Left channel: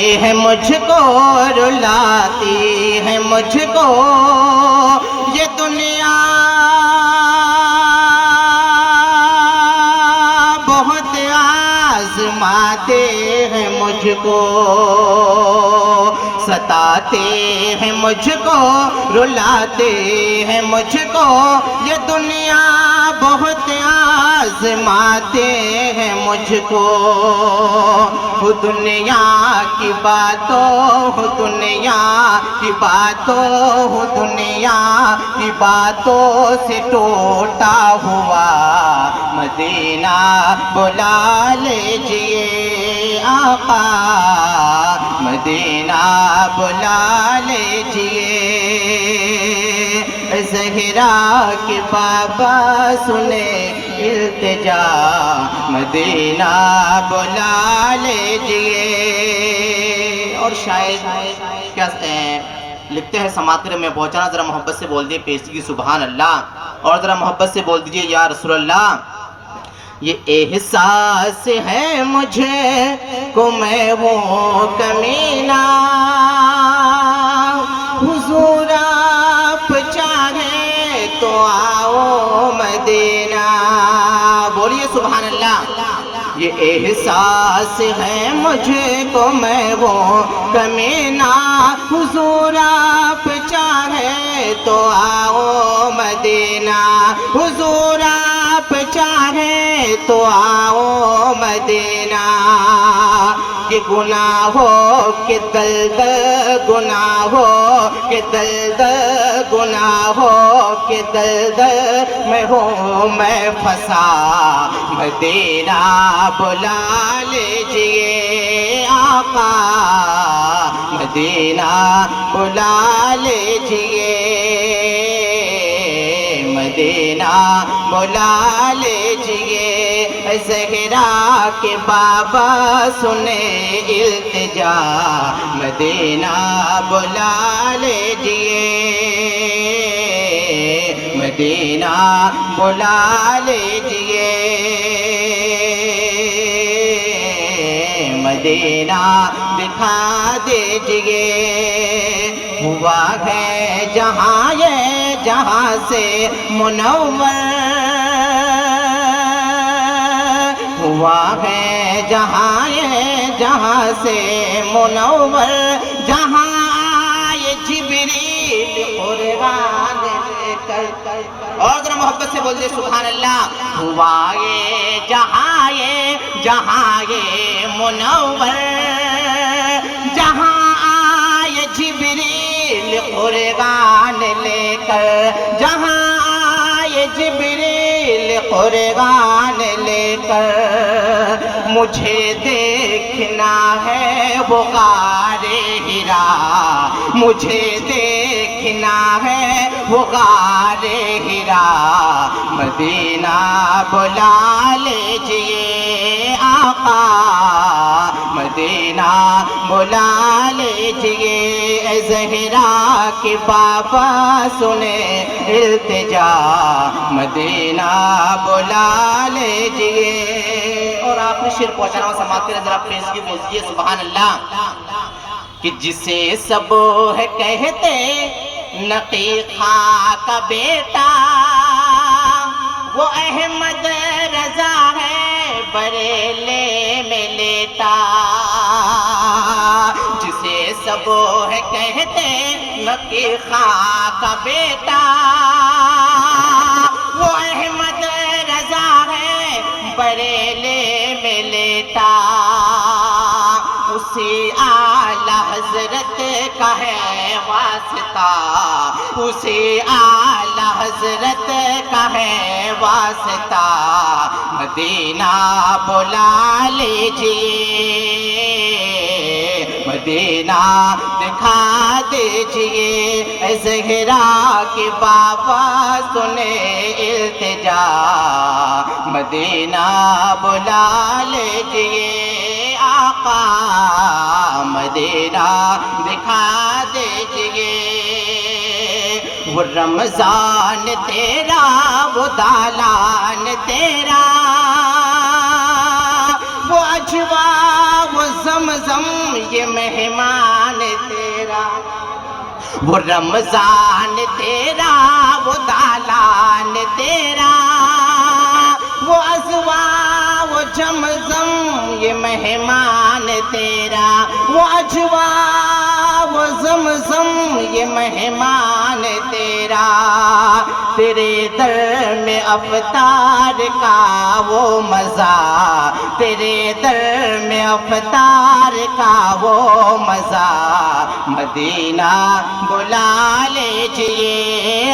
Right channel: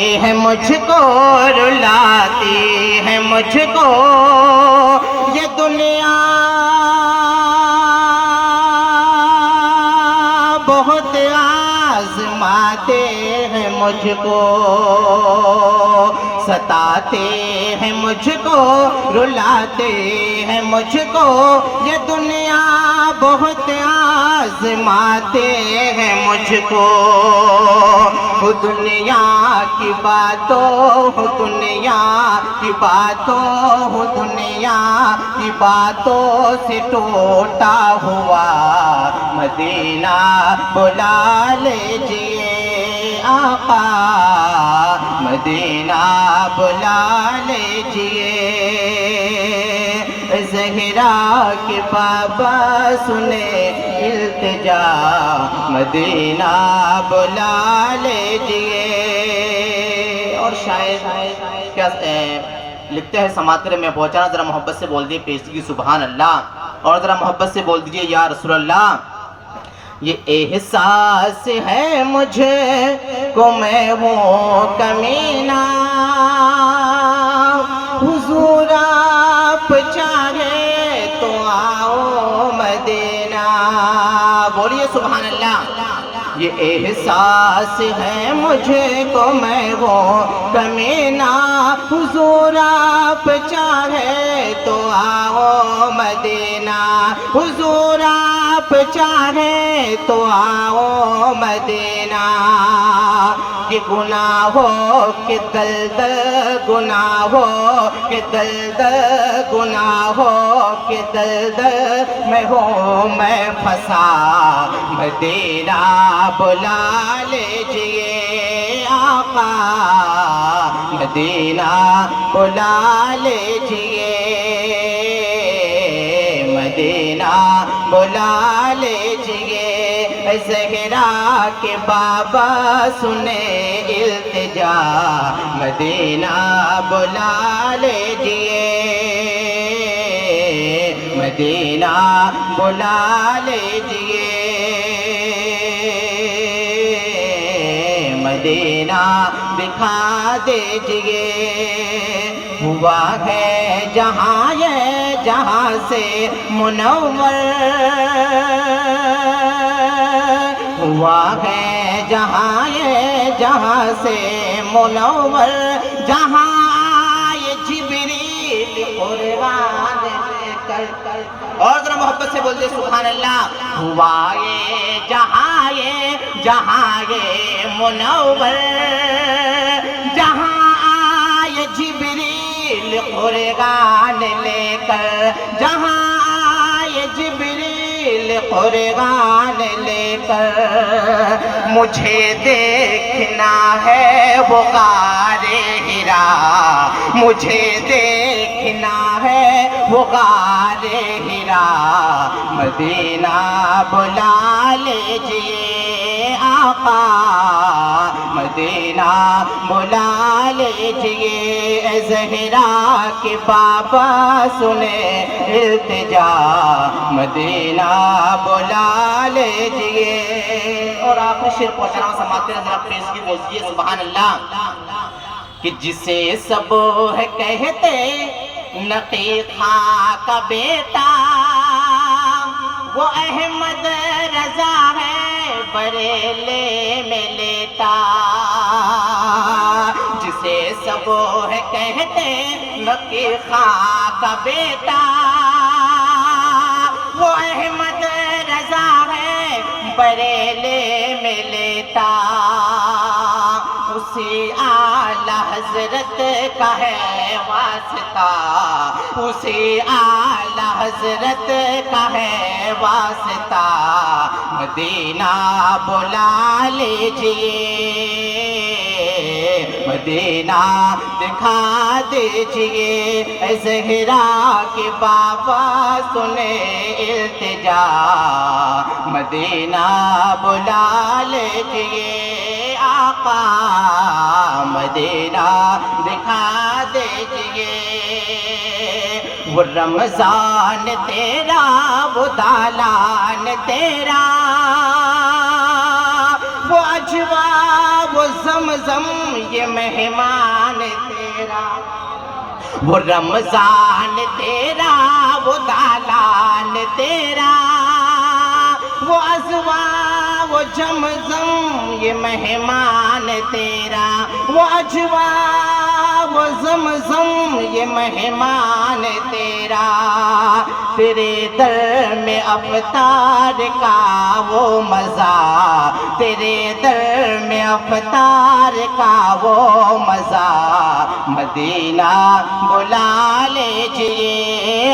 ہے مجھ کو رلاتی ہے مجھ کو یہ دنیا بہت آزماتے ہیں مجھ کو ستاتے ہیں مجھ کو رلاتے ہیں مجھ کو یہ دنیا بہت آزماتے ہیں مجھ کو دنیا کی باتوں دنیا کی باتوں دنیا کی باتوں سے ٹوٹا ہوا مدینہ بلا لیجئے آقا مدینہ بلا لیجئے زہرا کے بابا سنے التجا مدینہ بلا لیجئے اور شاید کیا لکھتے ہیں سماعت میں پہنچانا ذرا محبت سے بول دیئے پیشگی سبحان اللہ اور ذرا محبت سے بول دیجئے یا رسول اللہ یہ احساس ہے مجھے کو میں ہوں کمینہ حضور آپ چاہے تو آؤ مدینہ بولیے سبحان اللہ یہ احساس ہے مجھے کو میں ہوں کمینہ حضور آپ چاہے تو آؤ مدینہ حضور آپ چاہے تو آؤ مدینہ کہ گناہوں کے دلدل گناہوں کے دلدل گناہوں کے دلدل میں ہوں میں پھنسا مدینہ بلا لیجئے آقا مدینہ بلا لیجئے مدینہ بلا لیجئے زہرا کے بابا سنے التجا مدینہ بلا لیجئے مدینہ بلا لیجئے مدینہ دکھا دیجئے ہوا ہے جہاں یہ جہاں سے منور ہوا ہے جہاں یہ جہاں سے منور جہاں آئے جبریل قربان لے کر اور ذرا محبت سے بول دے سبحان اللہ ہوا یہ جہاں یہ منور جہاں آئے جبریل قربان لے کر جہاں آئے جبریل قربان لے کر مجھے دیکھنا ہے وہ غار ہرا مجھے دیکھنا ہے وہ غار ہرا مدینہ بلا لیجئے آقا مدینہ بلا لیجئے زہرا کے بابا سنے التجا مدینہ بلا لیجئے اور آپ نے شعر پہنچانا ہوا سماعت ذرا پیش کی بولئے سبحان اللہ کہ جسے سب ہے کہتے نقی خاں کا بیٹا وہ احمد رضا ہے بریلے میں لیتا جسے سب ہے کہتے نقی خاں کا بیٹا وہ احمد رضا ہے بریلے میں لیتا اسی اعلی حضرت کا ہے واسطہ اسی اعلی حضرت کا ہے واسطہ مدینہ بلا لیجئے مدینہ دکھا دیجئے زہرا کے بابا سنے التجا مدینہ بلا لیجئے آقا مدینہ دکھا دیجئے وہ رمضان تیرا وہ دالان تیرا وہ اجوا وہ زمزم یہ مہمان تیرا، وہ رمضان تیرا، وہ دالان تیرا، وہ ازوا وہ زمزم یہ مہمان تیرا، وہ اجوا وہ زمزم یہ مہمان تیرا، تیرے در میں افطار کا وہ مزہ، تیرے در میں افطار کا وہ مزہ، مدینہ بلا لیجئے